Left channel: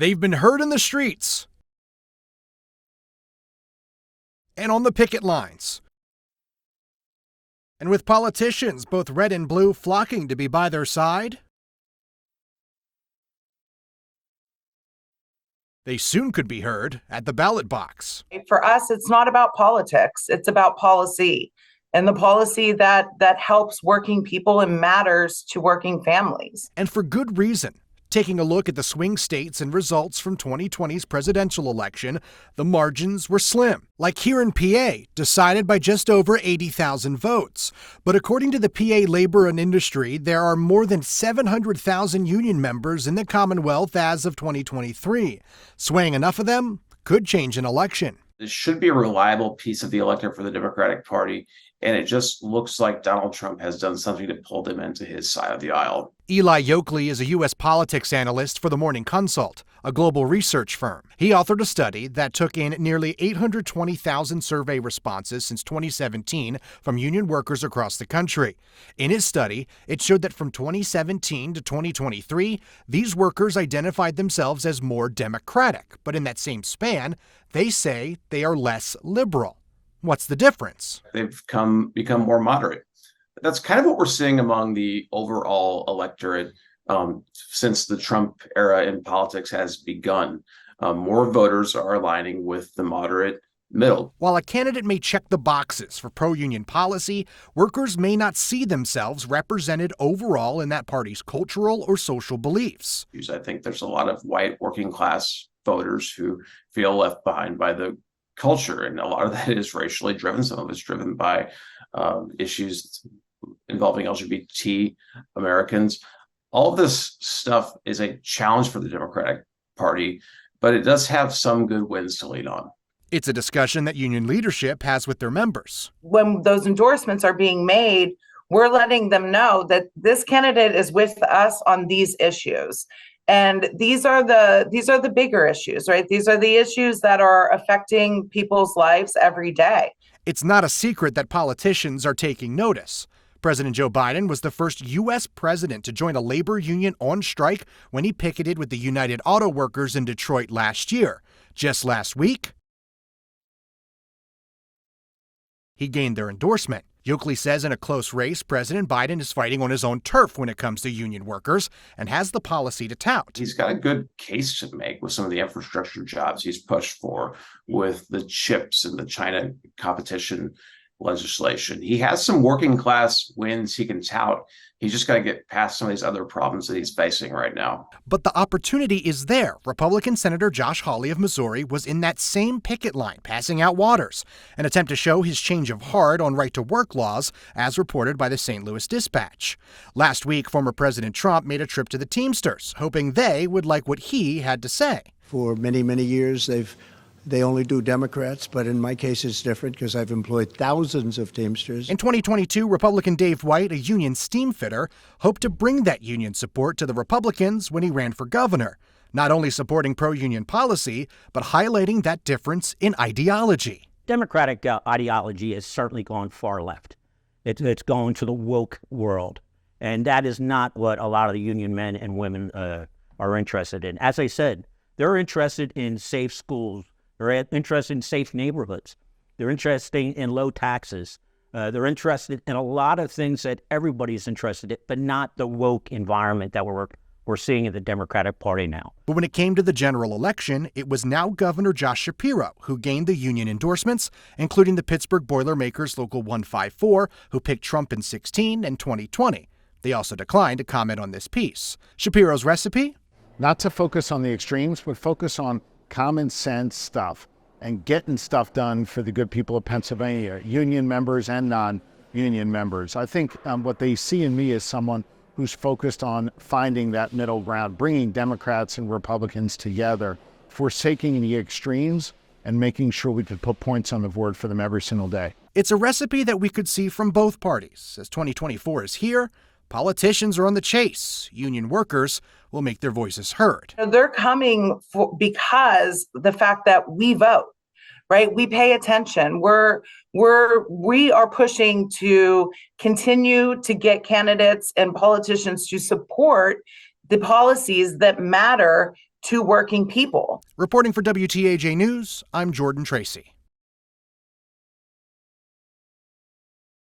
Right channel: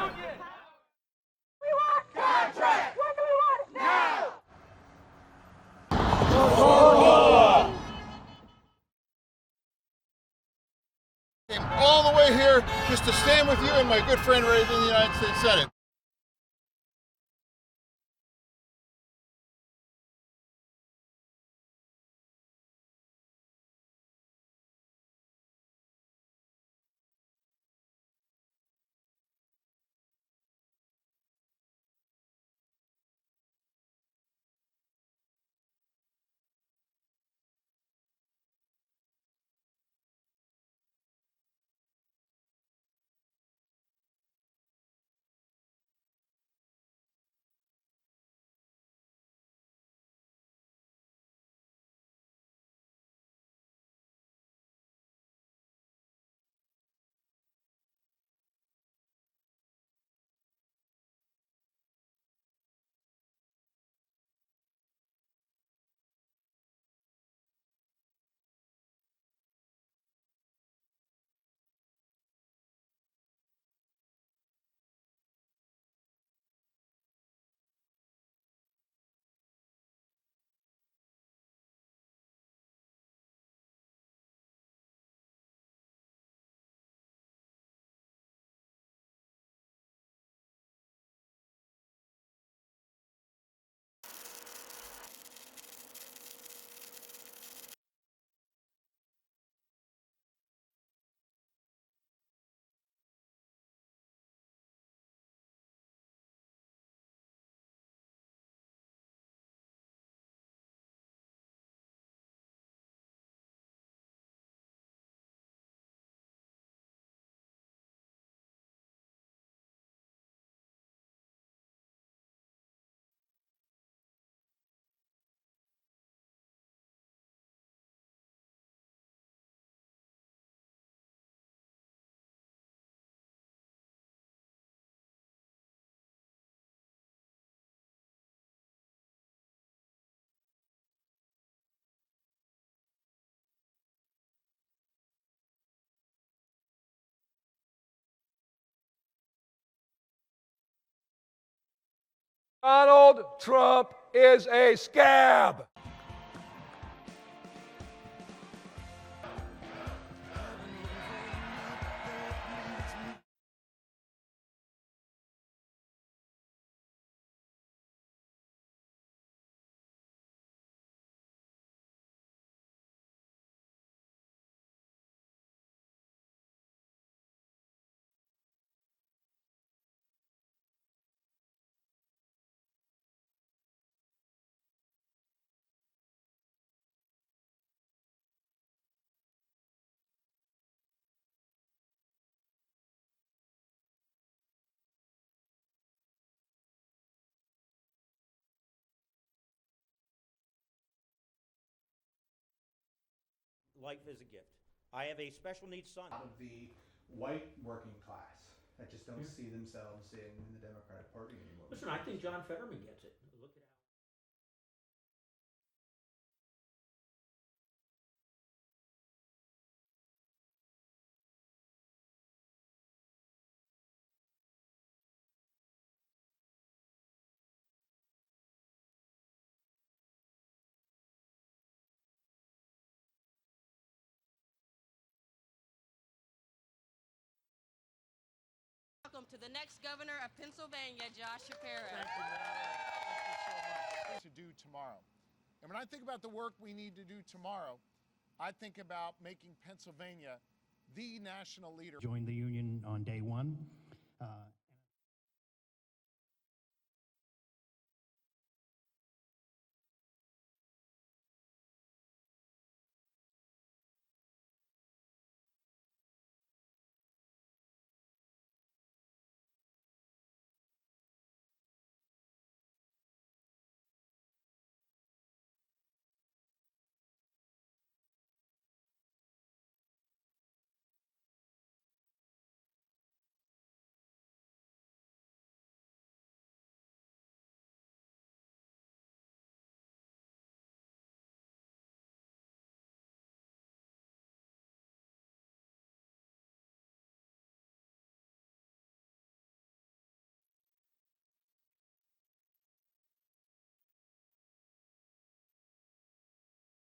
They've been heard in the streets and on the picket lines. And with politicians, both red and blue, flocking to be by their side. Came all the way here just to stand with you and my good friend right in the United States Senate. They soon could be heard at the ballot box. For us, it's not about politics, it's about policy. And the policy that helps working people and matters to working families. And for good reason. Taking a look at the swing states and results from 2020's presidential election, the margins were slim. Like here in PA, decided by just over 80,000 votes. But according to the PA Labor and Industry, there are more than 700,000 union members in the Commonwealth as of 2023. Swaying enough of them could change an election. This should be a reliable piece of the electorate for the Democratic Party. And it just looks like Donald Trump has done something to pull them into his side of the aisle. Eli Yokley is a U.S. politics analyst for the Morning Consult, a global research firm. He authored a study that took in nearly 820,000 survey responses since 2017 from union workers across the country. In his study, it showed that from 2017 to 2023, these workers identified themselves as more Democratic. But in that same span, they say they are less liberal. What's the difference? They've become more moderate. That's kind of what we're seeing among the overall electorate since the Trump era in politics has begun. More voters are aligning with the moderate middle. While a candidate may check the boxes for pro-union policy, workers may not see themselves represented overall in that party's cultural or social beliefs. I think there's a lot of white working class voters who feel left behind by the culture, and a lot of that is racially driven. Some of it's driven by issues involving LGBT Americans. All of this stuff is a challenge for the Democratic Party, but it does have some good wins to lean on. It's a discussion that union leadership has with their members. When those endorsements are being made, we're letting them know that this candidate is with us on these issues. And these are the bigger issues, right? These are the issues that are affecting people's lives every day. It's not a secret that politicians are taking notice. President Joe Biden was the first U.S. president to join a labor union on strike when he picketed with the United Auto Workers in Detroit last year. Just last week, Donald Trump is a scab. He gained their endorsement. Yokley says in a close race, President Biden is fighting on his own turf when it comes to union workers and has the policy to tout. He's got a good case to make with some of the infrastructure jobs he's pushed for, with the chips and the China competition legislation. He has some working class wins he can tout. He's just got to get past some of these other problems that he's facing right now. But the opportunity is there. Republican Senator Josh Hawley of Missouri was in that same picket line, passing out waters, an attempt to show his change of heart on right-to-work laws, as reported by the St. Louis Dispatch. Last week, former President Trump made a trip to the Teamsters, hoping they would like what he had to say. For many, many years, they only do Democrats, but in my case it's different because I've employed thousands of Teamsters. In 2022, Republican Dave White, a union steam fitter, hoped to bring that union support to the Republicans when he ran for governor, not only supporting pro-union policy, but highlighting that difference in ideology. Democratic ideology has certainly gone far left. It's going to the woke world, and that is not what a lot of the union men and women are interested in. As I said, they're interested in safe schools. They're interested in safe neighborhoods. They're interested in low taxes. They're interested in a lot of things that everybody's interested in, but not the woke environment that we're seeing in the Democratic Party now. But when it came to the general election, it was now Governor Josh Shapiro who gained the union endorsements, including the Pittsburgh Boilermakers Local 154, who picked Trump in 2016 and 2020. They also declined to comment on this piece. Shapiro's recipe? Not to focus on the extremes, but focus on common sense stuff and getting stuff done for the good people of Pennsylvania, union members and non-union members. I think what they see in me is someone who's focused on finding that middle ground, bringing Democrats and Republicans together, forsaking the extremes and making sure we could put points on the board for them every single day. It's a recipe that we could see from both parties. As 2024 is here, politicians are on the chase. Union workers will make their voices heard. They're coming because the fact that we vote, right? We pay attention. We are pushing to continue to get candidates and politicians to support the policies that matter to working people. Reporting for WTAJ News, I'm Jordan Tracy.